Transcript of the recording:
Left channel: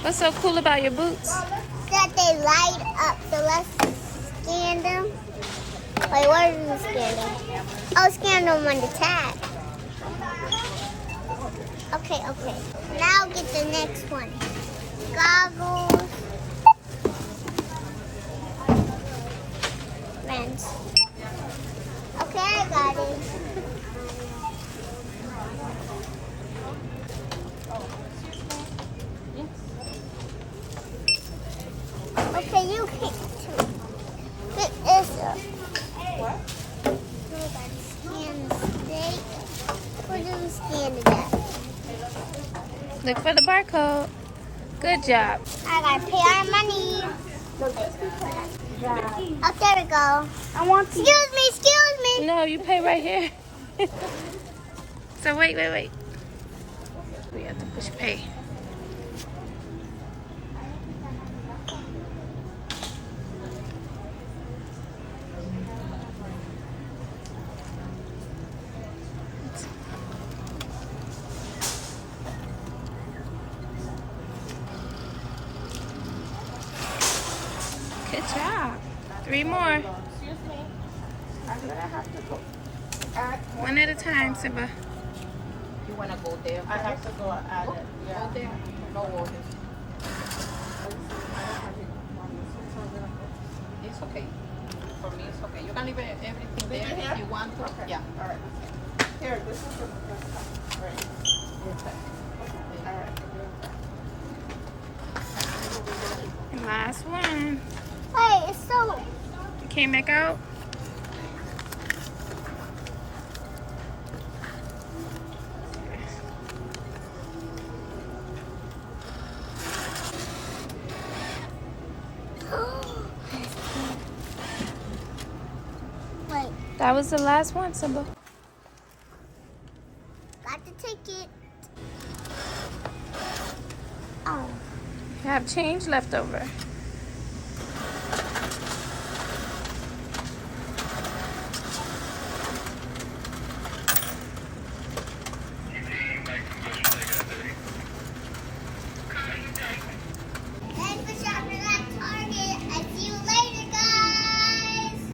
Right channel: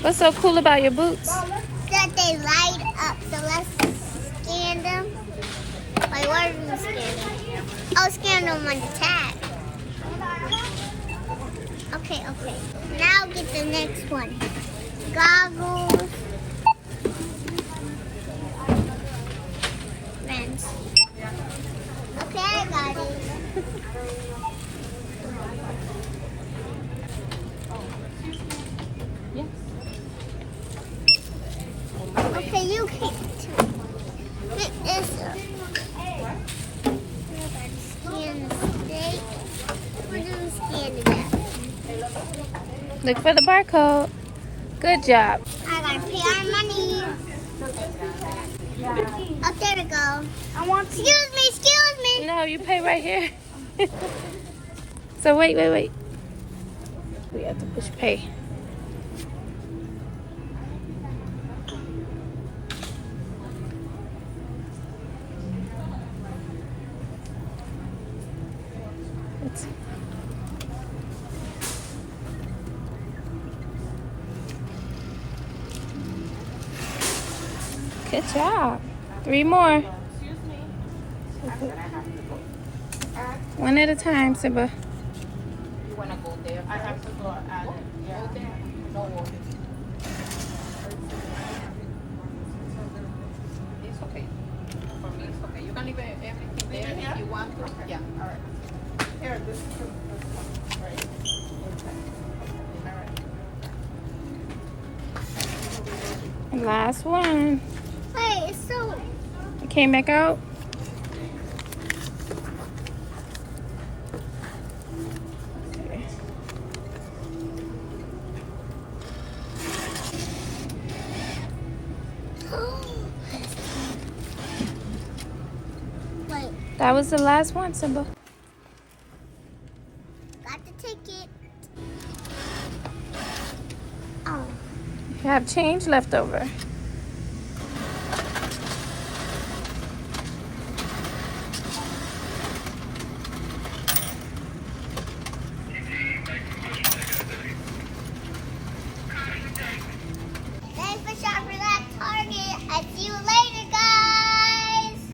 What's so cool about your boots? That they light up. So let's scan them. Wait, where did we scan them? Oh, scan them on the tag. Okay. Now get the next one. Goggles. Lens. Okay, I got it. Okay, you pick this up. What? We're going to scan the steak. We're going to scan it. Look for the barcode. Good job. I gotta pay our money. Oh, there we go. Excuse me. No, you pay right here. So wait. We have to push pay. Good job. 3 more. One at a time, Simba. You want to go there? I have to go there. Go over. It's okay. For me, it's okay. You can leave everything there if you want to. Yeah. All right. Here, this is great. And last one. Hey, it's so... It came back out. Wait, That was the last one, Simba. got the ticket. Oh. You have change left over.